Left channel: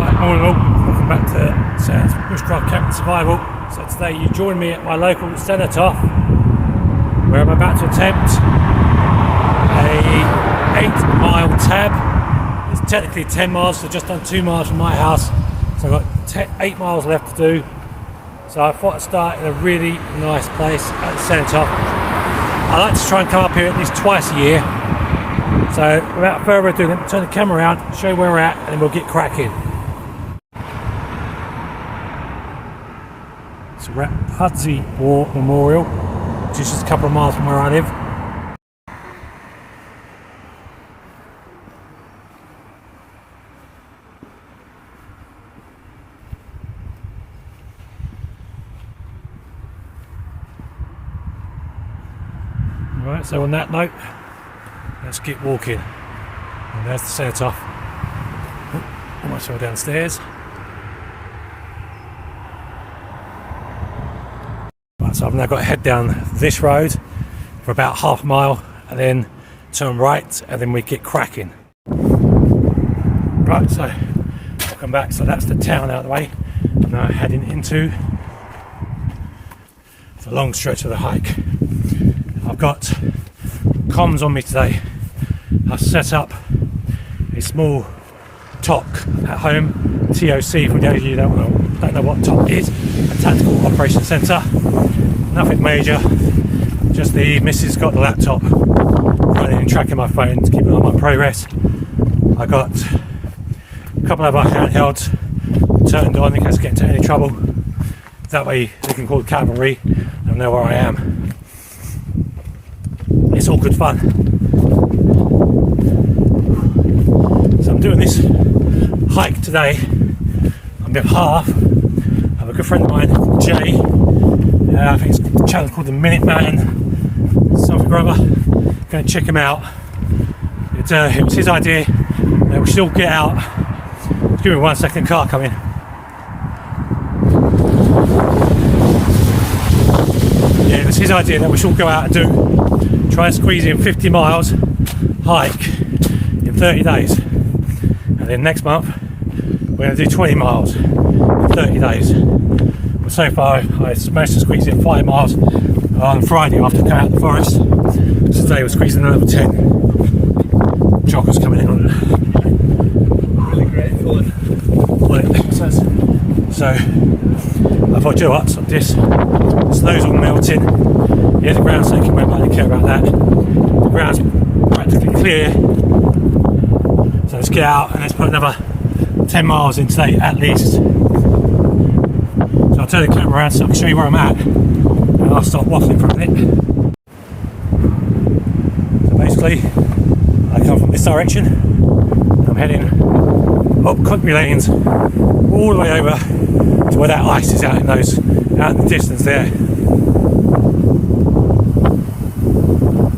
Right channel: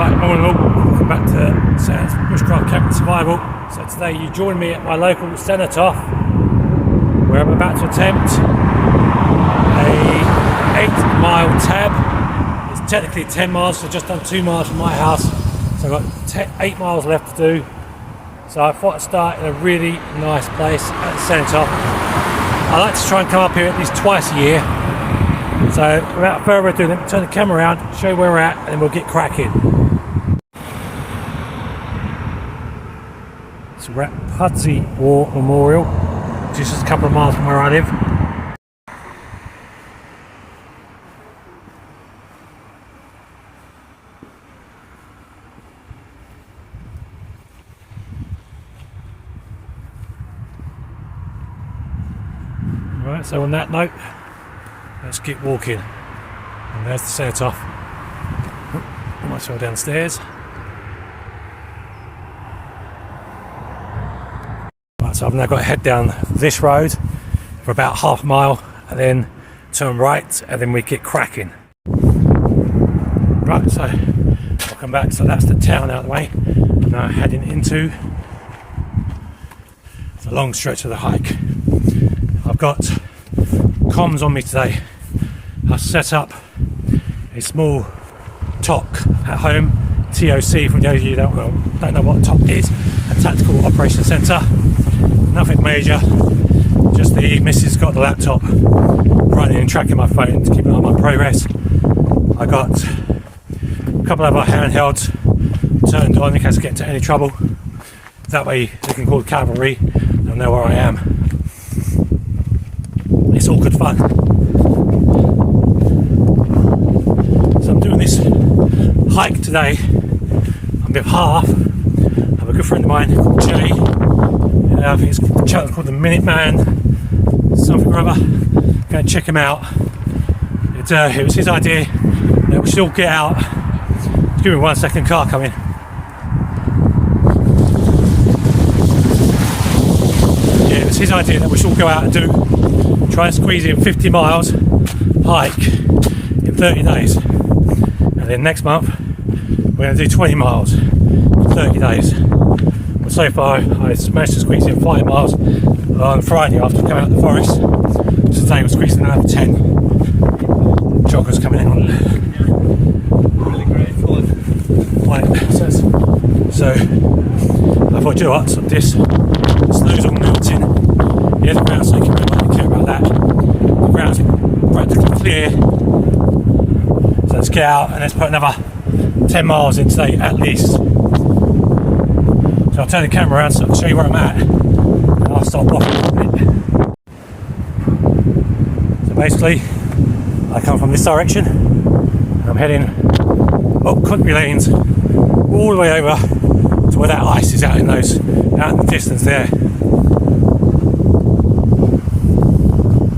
Right, all in all, welcome back to Sam's Bushcraft Camping Survival. So today you join me at my local cenotaph, where I'm about to attempt a 8-mile T.A.B. It's technically 10 miles, so just done 2 miles from my house. So I've got 8 miles left to do. So I thought I'd start in a really nice place at the cenotaph. I like to try and come up here at least twice a year. So without further ado, let me turn the camera around, show you where we're at, and then we'll get cracking. So we're at Pudsey War Memorial, which is just a couple of miles from where I live. Right, so on that note, let's get walking. And there's the cenotaph. Oh, almost all down the stairs. Right, so I've now got to head down this road for about half a mile and then turn right and then we get cracking. Right, so welcome back. So that's the town out of the way. I'm now heading into the long stretch of the hike. I've got comms on me today. I've set up a small TOC at home, TOC for those of you that don't know what a TOC is, a Tactical Operations Centre. Nothing major, just the missus got the laptop running and tracking my phone to keep an eye on my progress. I got a couple of other handhelds turned on in case I get into any trouble. That way they can call the cavalry and know where I am. It's all good fun. So I'm doing this hike today on behalf of a good friend of mine, Jay. I think it's a channel called the Minuteman something or other. Go and check him out. It was his idea that we should all get out. Just give me 1 second, car coming. Yeah, it was his idea that we should all go out and try and squeeze in 50 miles hike in 30 days. And then next month we're going to do 20 miles in 30 days. But so far I managed to squeeze in 5 miles on Friday after I came out of the forest. So today we're squeezing another 10. Joggers coming in on it. Really great fun. So I thought, you know what, so this snow's all melting. Yeah, the ground's taking red, I don't care about that. The ground's practically clear. So let's get out and let's put another 10 miles in today at least. So I'll turn the camera around so I can show you where I'm at. And I'll start waffling for a bit. So basically, I come from this direction. I'm heading up country lanes all the way over to where that ice is out in the distance there.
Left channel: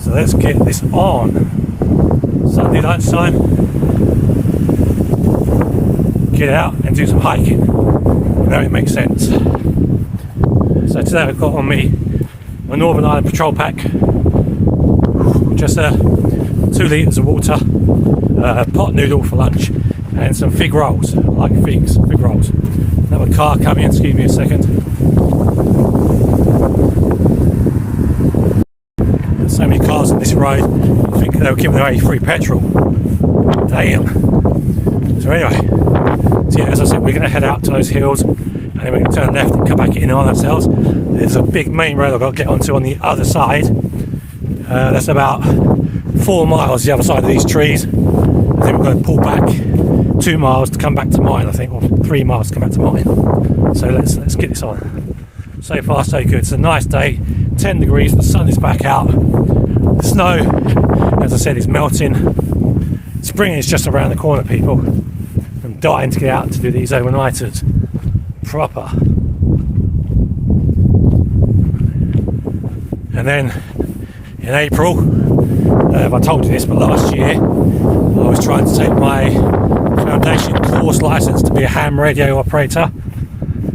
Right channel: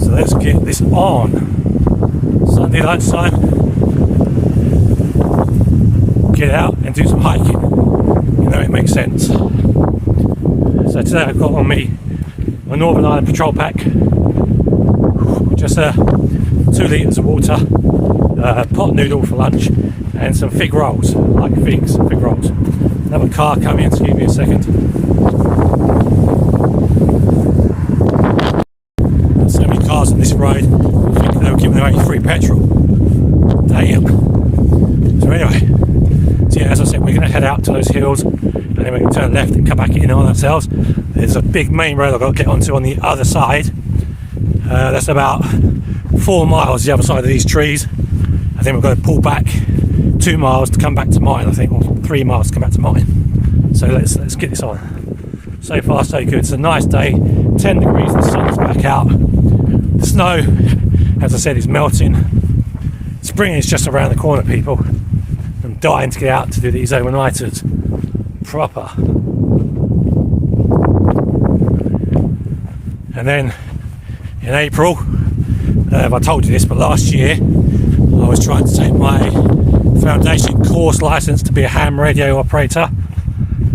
So let's get this on. Sunday lunchtime. Get out and do some hiking. You know, it makes sense. So today I've got on me my Northern Ireland Patrol Pack. Just 2 litres of water, pot noodle for lunch, and some fig rolls. I like fig rolls. Another car coming, excuse me a second. So many cars on this road, I think they were giving away free petrol. Damn. So anyway, yeah, as I said, we're going to head out to those hills and then we're going to turn left and come back in on ourselves. There's a big main road I've got to get onto on the other side. That's about 4 miles the other side of these trees. And then we're going to pull back 2 miles to come back to mine, I think, or 3 miles to come back to mine. So let's get this on. So far so good. It's a nice day, 10 degrees, the sun is back out. The snow, as I said, is melting. Spring is just around the corner, people. I'm dying to get out to do these overnighters proper. And then in April, I told you this, but last year I was trying to take my foundation course license to be a ham radio operator.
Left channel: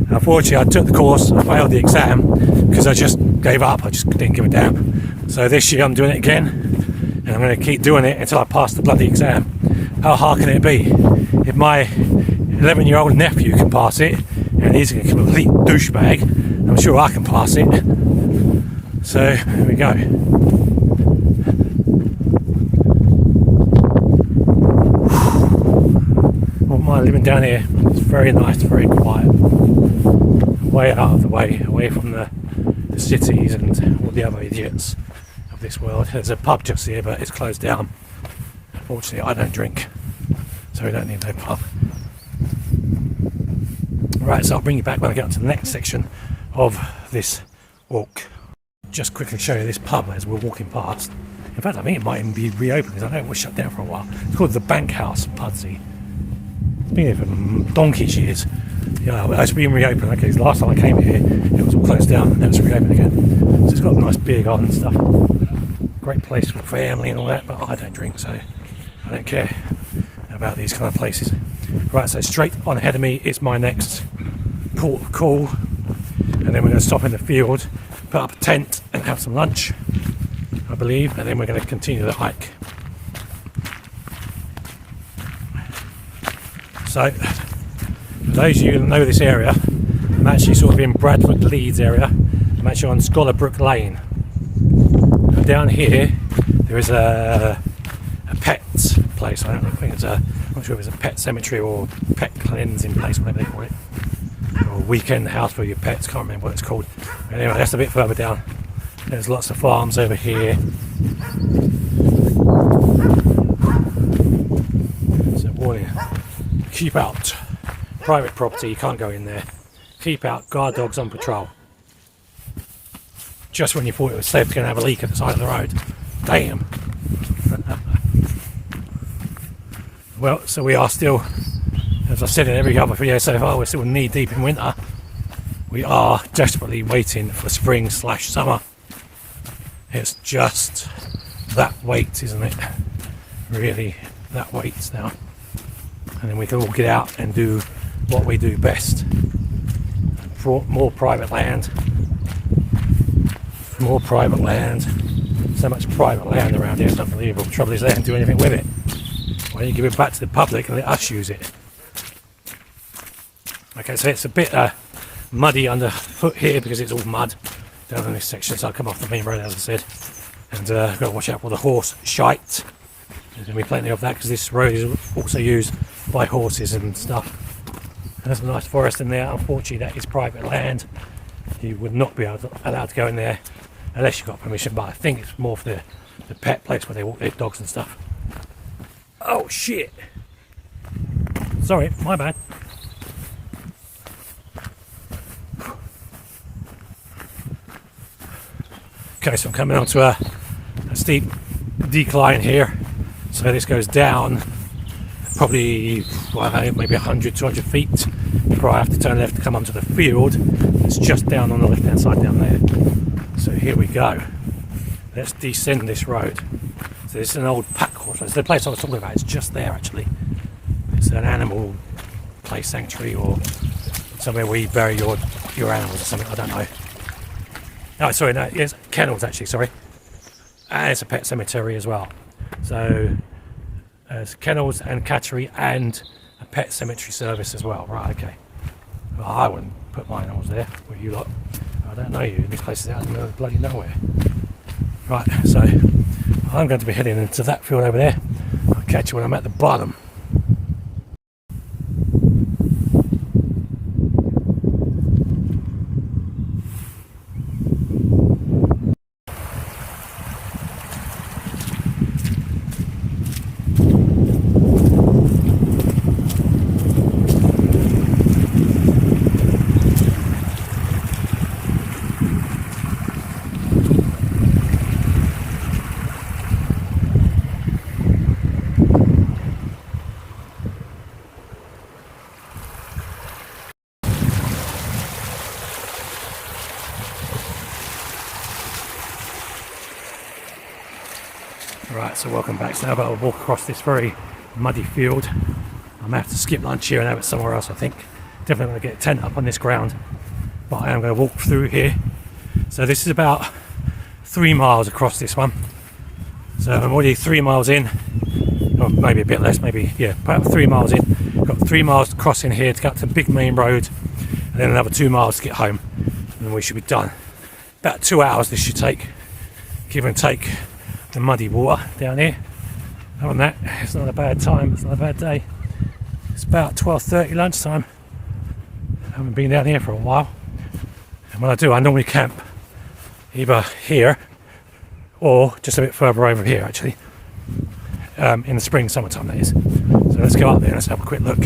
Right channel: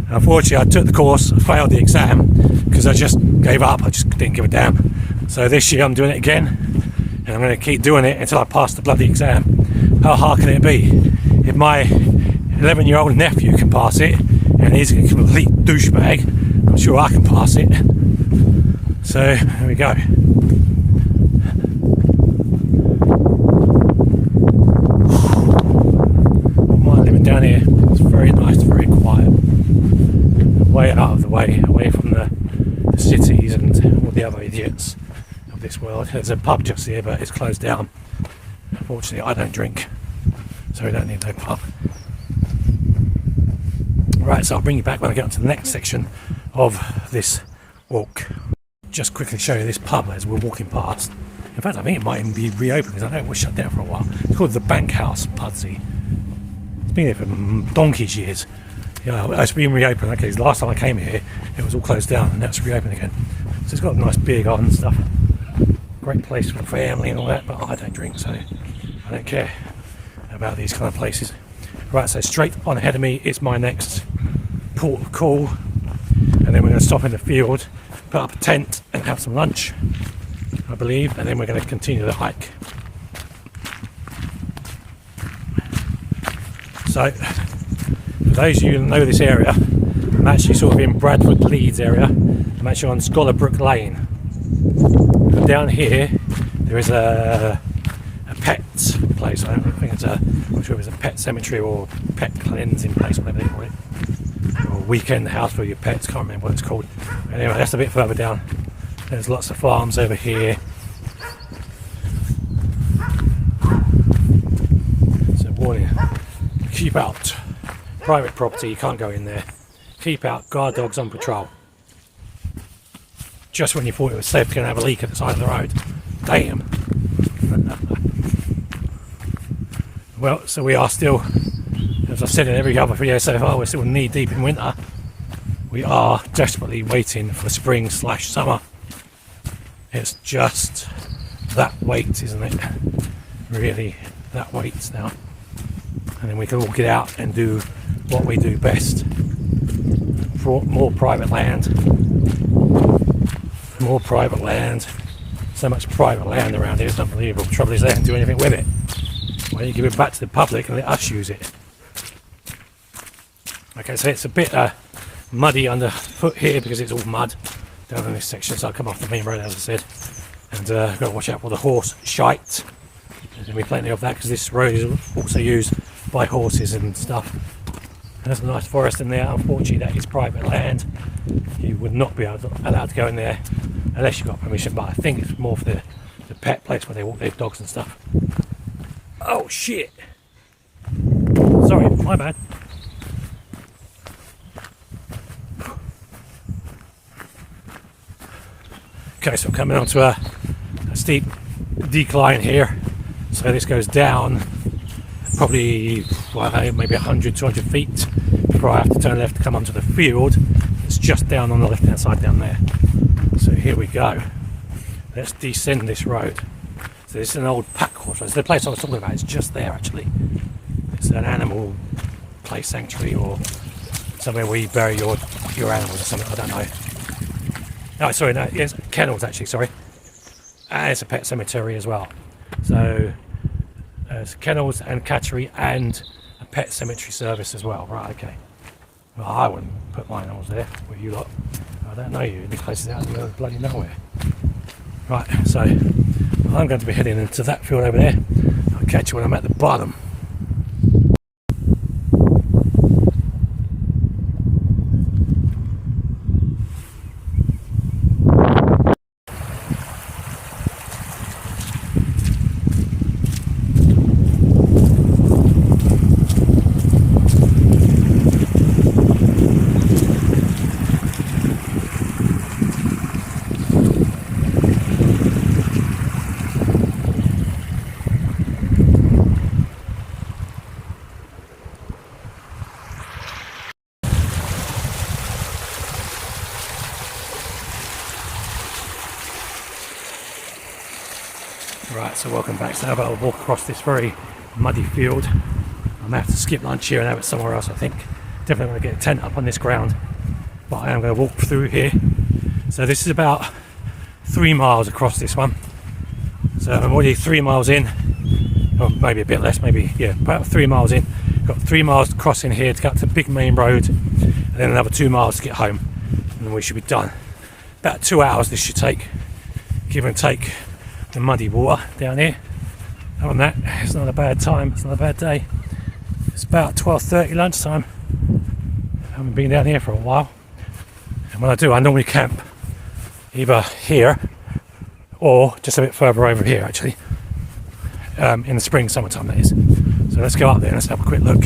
Unfortunately, I took the course, I failed the exam because I just gave up. I just didn't give a damn. So this year I'm doing it again, and I'm going to keep doing it until I pass the bloody exam. How hard can it be? If 11-year-old nephew can pass it, and he's a complete douchebag. I'm sure I can pass it. So here we go. Wouldn't mind living down here. It's very nice, very quiet. Way out of the way, away from the cities and all the other idiots of this world. There's a pub just here, but it's closed down. Unfortunately, I don't drink, so we don't need no pub. Right, so I'll bring you back when I get on to the next section of this walk. Just quickly show you this pub as we're walking past. In fact, I think it might even be reopened because I know it was shut down for a while. It's called the Bank House, Pudsey. It's been here for donkey's years. Yeah, it's been reopened. Okay, last time I came here, it was all closed down, and now it's reopened again. So it's got a nice beer garden and stuff. Great place for the family and all that, but I don't drink, so I don't care about these kind of places. Right, so straight on ahead of me is my next port of call, and then we're going to stop in the field, put up a tent and have some lunch, I believe, and then we're going to continue the hike. So, for those of you who know this area, I'm actually sort of in Bradford, Leeds area. I'm actually on Scholar-Brook Lane. And down here, there is a pet place. I don't think I'm not sure if it's a pet cemetery or pet cleansing place, whatever they call it. Or weekend house for your pets, can't remember what it's called. Anyway, that's a bit further down. There's lots of farms over here. So warning, keep out. Private property, you can't go in there. Keep out, guard dogs on patrol. Just when you thought it was safe to go and have a leak at the side of the road. Damn. Well, so we are still, as I said in every other video so far, we're still knee deep in winter. We are desperately waiting for spring/summer. It's just that wait, isn't it? Really, that waits now. And then we can all get out and do what we do best. For more private land. More private land. So much private land around here, it's unbelievable. The trouble is they don't do anything with it. Why don't you give it back to the public and let us use it? Okay, so it's a bit muddy underfoot here because it's all mud down in this section, so I'll come off the main road as I said. And I've got to watch out for the horse shite. There's going to be plenty of that because this road is also used by horses and stuff. And there's a nice forest in there. Unfortunately, that is private land. You would not be allowed to go in there unless you got permission, but I think it's more for the pet place where they walk their dogs and stuff. Oh shit! Sorry, my bad. Okay, so I'm coming onto a steep decline here. So this goes down probably, well, maybe 100, 200 feet before I have to turn left to come onto the field. It's just down on the left hand side down there. So here we go. Let's descend this road. So this is an old pack horse. So the place I was talking about is just there actually. It's an animal place sanctuary or somewhere where you bury your animals or something, I don't know. Oh, sorry, no, it's kennels actually, sorry. And it's a pet cemetery as well. So there's kennels and cattery and a pet cemetery service as well. Right, okay. Well, I wouldn't put my animals there with you lot. I don't know you. This place is out in the middle of bloody nowhere. Right, so I'm going to be heading into that field over there. I'll catch you when I'm at the bottom. Right, so welcome back. So now I've got to walk across this very muddy field. I'm going to have to skip lunch here and have it somewhere else, I think. Definitely going to get a tent up on this ground. But I am going to walk through here. So this is about 3 miles across this one. So I'm already 3 miles in. Or maybe a bit less, maybe, yeah, about 3 miles in. we've got 3 miles to cross in here to get up to the big main road, and then another 2 miles to get home, and then we should be done. About 2 hours this should take, give and take the muddy water down here. Other than that, it's not a bad time, it's not a bad day. It's about 12:30 lunchtime. I haven't been down here for a while, and when I do, I normally camp either here or just a bit further over here actually, in the spring, summertime that is. So let's go up there and let's have a quick look.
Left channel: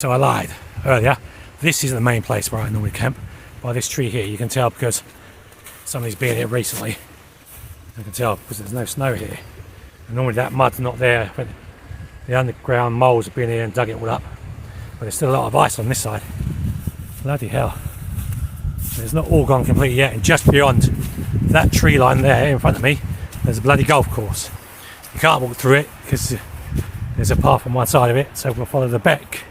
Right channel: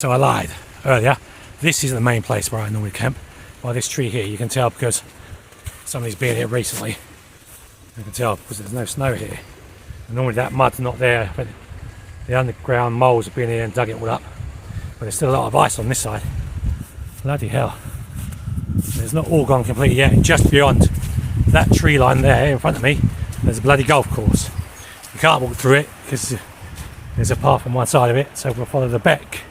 So I lied earlier, this is the main place where I normally camp. By this tree here, you can tell because somebody's been here recently. You can tell because there's no snow here. And normally that mud's not there, but the underground moles have been here and dug it all up. But there's still a lot of ice on this side. Bloody hell. It's not all gone completely yet, and just beyond that tree line there in front of me, there's a bloody golf course. You can't walk through it because there's a path on one side of it, so we'll follow the beck.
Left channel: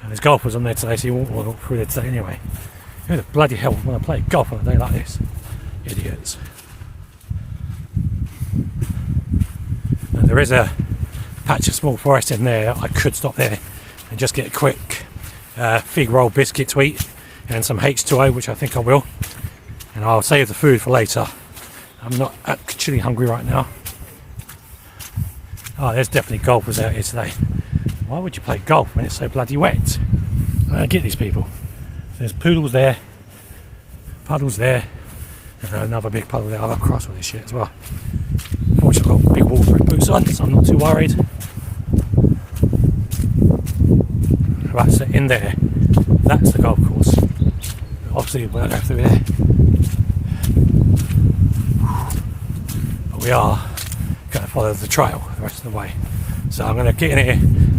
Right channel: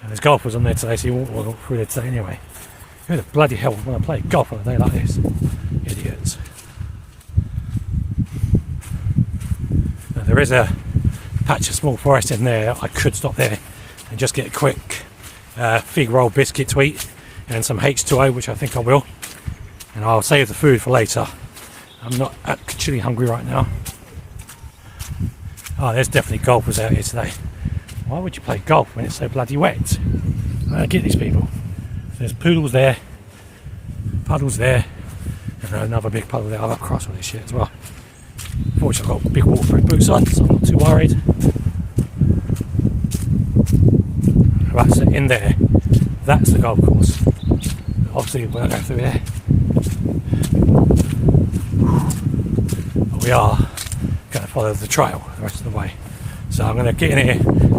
And there's golfers on there today, so you won't walk through there today anyway. Who the bloody hell would want to play golf on a day like this? Idiots. Now, there is a patch of small forest in there. I could stop there and just get a quick fig roll biscuit to eat and some H2O, which I think I will. And I'll save the food for later. I'm not actually hungry right now. Oh, there's definitely golfers out here today. Why would you play golf when it's so bloody wet? I don't get these people. There's poodles there, puddles there, and another big puddle there. I'll go across all this shit as well. Fortunately, I've got big waterproof boots on, so I'm not too worried. Right, so in there, that's the golf course. Obviously, we'll go through there. But we are going to follow the trail the rest of the way. So I'm going to get in here,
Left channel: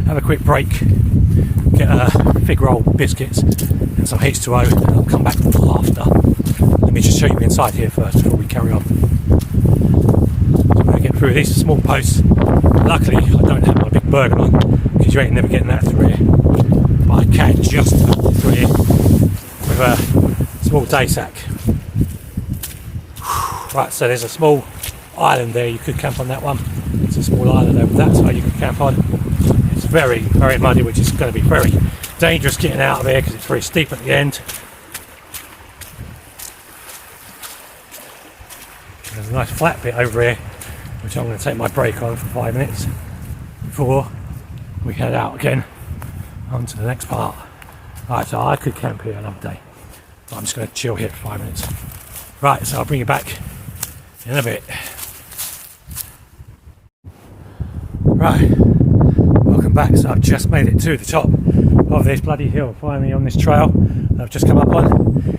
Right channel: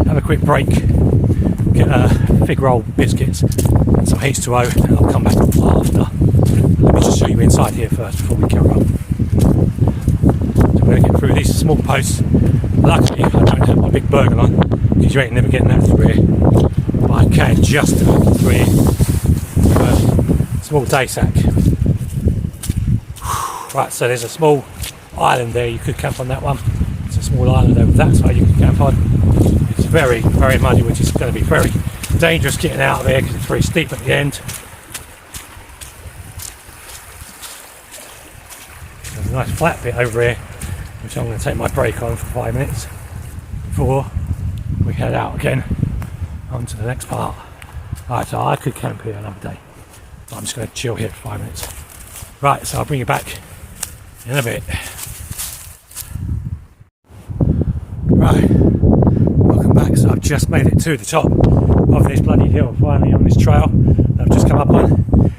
have a quick break, get a fig roll biscuits and some H2O, and I'll come back after. Let me just show you inside here first before we carry on. So we're going to get through these small posts. Luckily I don't have my big burden on, because you ain't never getting that through here. But I can just through here with a small day sack. Right, so there's a small island there, you could camp on that one. It's a small island over that side you can camp on. It's very, very muddy, which is going to be very dangerous getting out of here because it's very steep at the end. There's a nice flat bit over here, which I'm going to take my break on for 5 minutes before we head out again onto the next part. Right, so I could camp here another day, but I'm just going to chill here for 5 minutes. Right, so I'll bring you back in a bit. Right, welcome back. So I've just made it to the top of this bloody hill, finally on this trail that I've just come up on.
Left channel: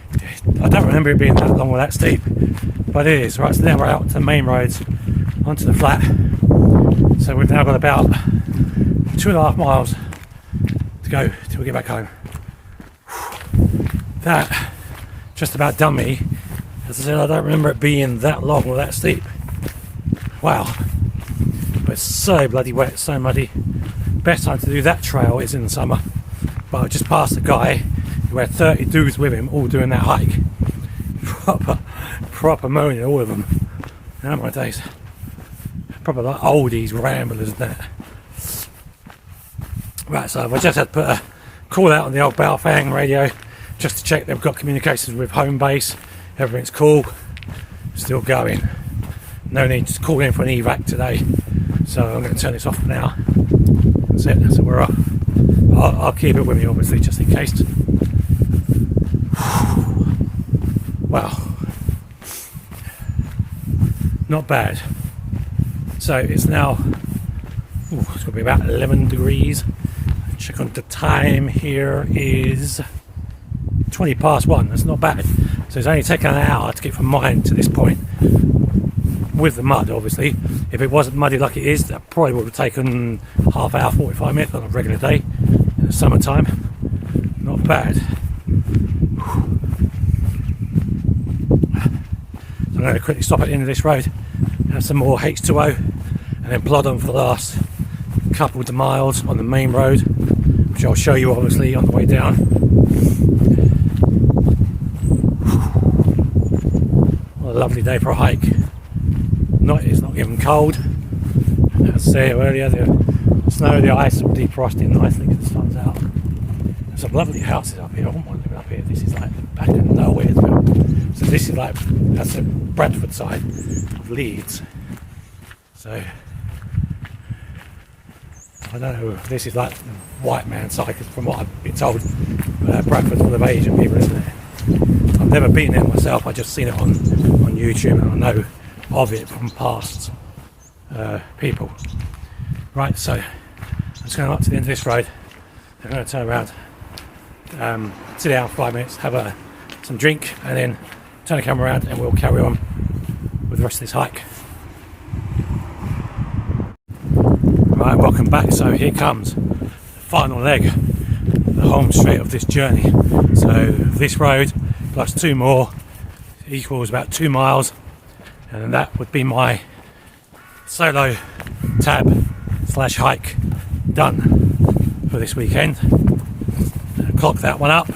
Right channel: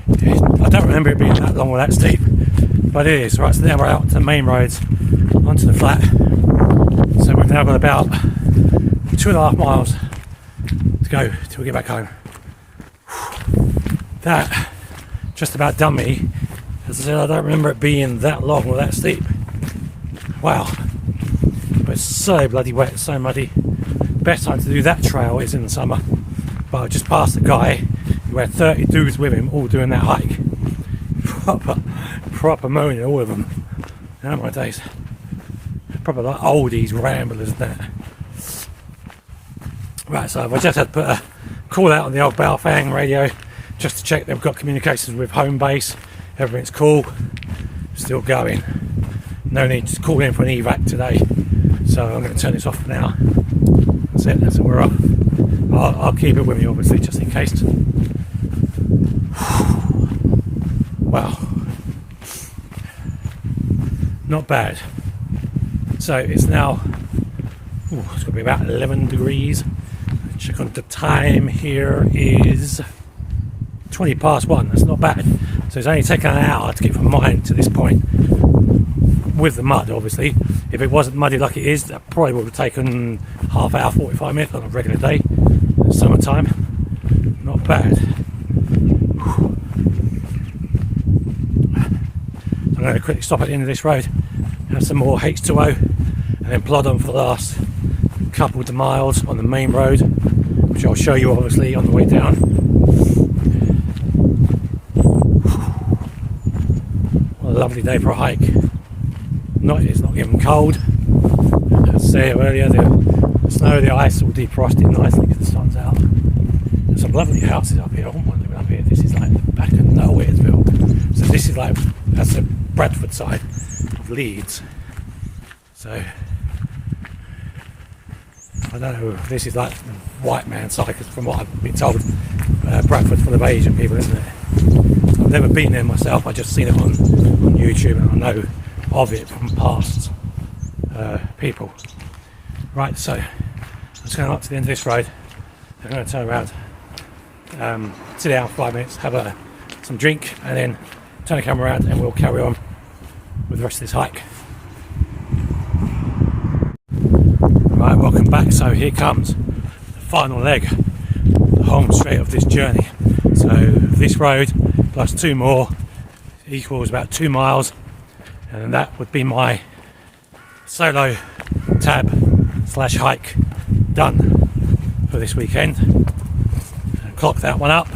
I don't remember it being that long or that steep, but it is. Right, so now we're out to the main roads, onto the flat. So we've now got about 2.5 miles to go till we get back home. That just about done me. As I said, I don't remember it being that long or that steep. Wow. But it's so bloody wet, so muddy. Best time to do that trail is in the summer. But I just passed a guy who had 30 dudes with him, all doing that hike. Proper moaning, all of them. Oh my days. Proper like oldies, ramblers and that. Right, so I just had to put a call out on the old Baofeng radio just to check they've got communications with home base. Everything's cool. Still going. No need to call in for an evac today. So I'm going to turn this off for now. That's it, that's it, we're off. I'll keep it with me obviously just in case. Wow. Not bad. So it's now, it's going to be about 11 degrees. Check on the time here is 20 past 1, that's not bad. So it's only taken an hour to get from mine to this point. With the mud, obviously. If it wasn't muddy like it is, that probably would have taken half hour, 45 minutes on a regular day in the summertime. Not bad. I'm going to quickly stop at the end of this road, have some more H2O and then plod on for the last couple of miles on the main road, which I'll show you obviously on the way down. What a lovely day for a hike. It's not even cold. As I said earlier, the snow, the ice will defrosting nicely because the sun's out. There's some lovely houses up here. I wouldn't want to live up here. This is like the back of nowhere as well. So this is like, that's the Bradford side of Leeds. So I don't know if this is like the white man side, because from what I've been told, Bradford's full of Asian people, isn't it? I've never been there myself. I just seen it on YouTube, and I know of it from past people. Right, so I'm just going up to the end of this road. I'm going to turn around, sit down for 5 minutes, have some drink, and then turn the camera around, and we'll carry on with the rest of this hike. Right, welcome back. So here comes the final leg, the home straight of this journey. So this road plus 2 more equals about 2 miles, and that would be my solo tab / hike done for this weekend. Clock that one up,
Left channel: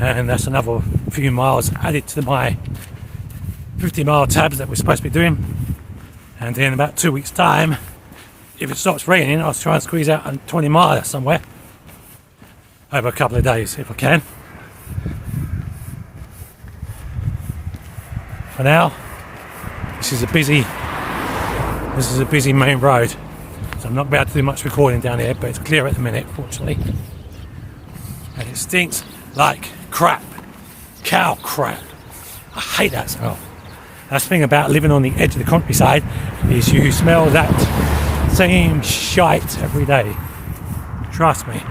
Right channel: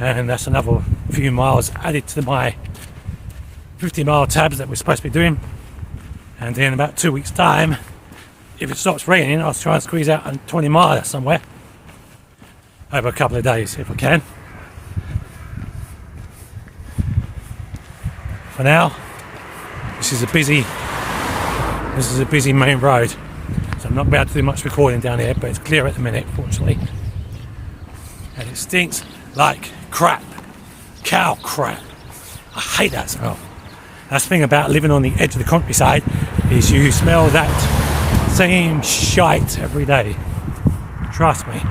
and that's another few miles added to my 50-mile tabs that we're supposed to be doing. And in about 2 weeks' time, if it stops raining, I'll try and squeeze out a 20 miler somewhere over a couple of days if I can. For now, this is a busy main road, so I'm not about to do much recording down here, but it's clear at the minute, fortunately. And it stinks like crap, cow crap. I hate that smell. That's the thing about living on the edge of the countryside, is you smell that same shite every day. Trust me.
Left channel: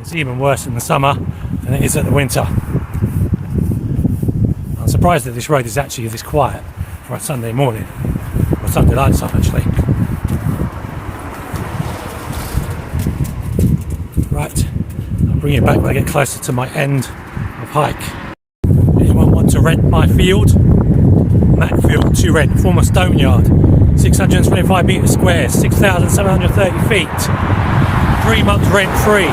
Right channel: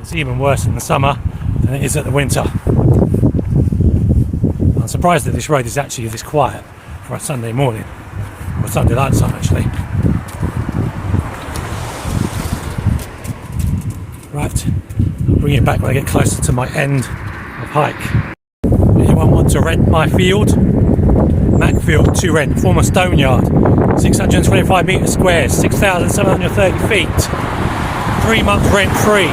It's even worse in the summer than it is at the winter. I'm surprised that this road is actually this quiet for a Sunday morning, or Sunday lunchtime actually. Right, I'll bring you back when I get closer to my end of hike. Anyone want to rent my field? Macfield to rent, former stone yard, 625 metres square, 6,730 feet, 3 months rent free.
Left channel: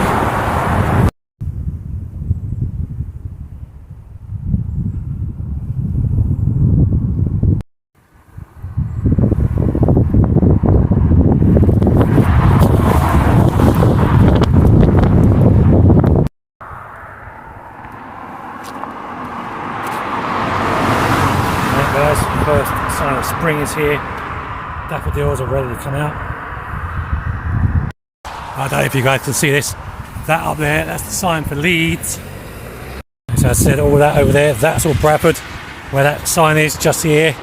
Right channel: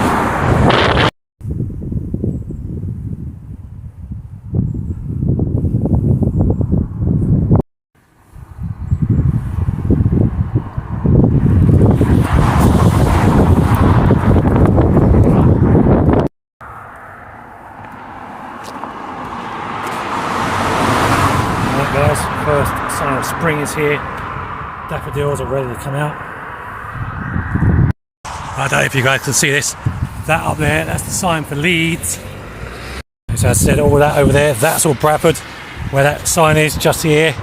Guys, first sign of spring is here. Daffodils are ready to come out. I don't know if you guys can see this. That up there, that's the sign for Leeds. As I said, all that over there, that's all Bradford. Where that sign is, just here,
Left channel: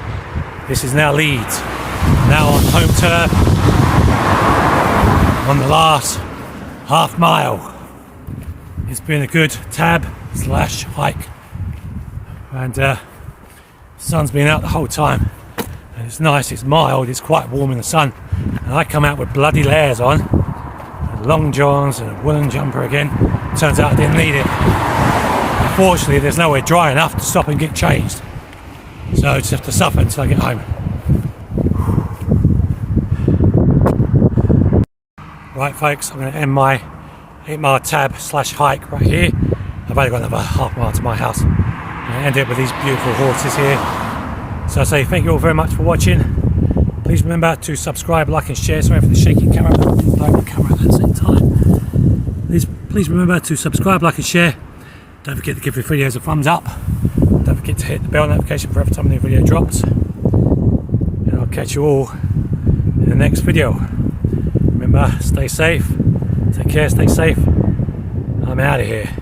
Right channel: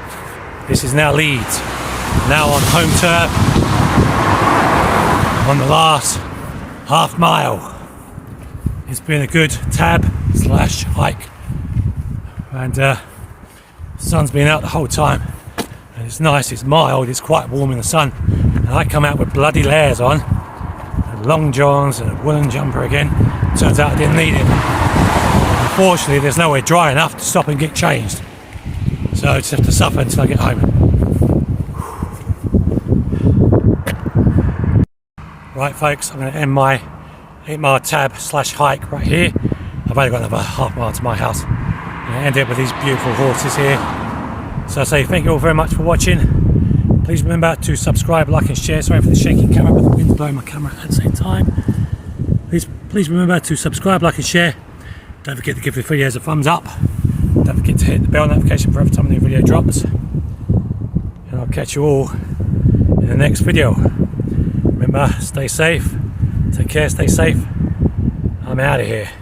this is now Leeds. Now on home turf, on the last half mile. It's been a good tab / hike, and the sun's been out the whole time, and it's nice, it's mild, it's quite warm in the sun, and I come out with bloody layers on and long johns and a woolen jumper again. Turns out I didn't need it. Unfortunately, there's nowhere dry enough to stop and get changed, so I just have to suffer until I get home. Right folks, I'm going to end my 8-mile tab / hike right here. I've only got another half mile to my house. And end it with these beautiful horses here. So I say thank you all very much for watching. Please remember to subscribe, like and share. Sorry for the shaky camera, but the wind's blowing my camera at the same time. Please remember to subscribe, like and share. Don't forget to give the videos a thumbs up. Don't forget to hit the bell notification for every time a new video drops. And I'll catch you all in the next video. Remember, stay safe, take care, stay safe. I'm out of here.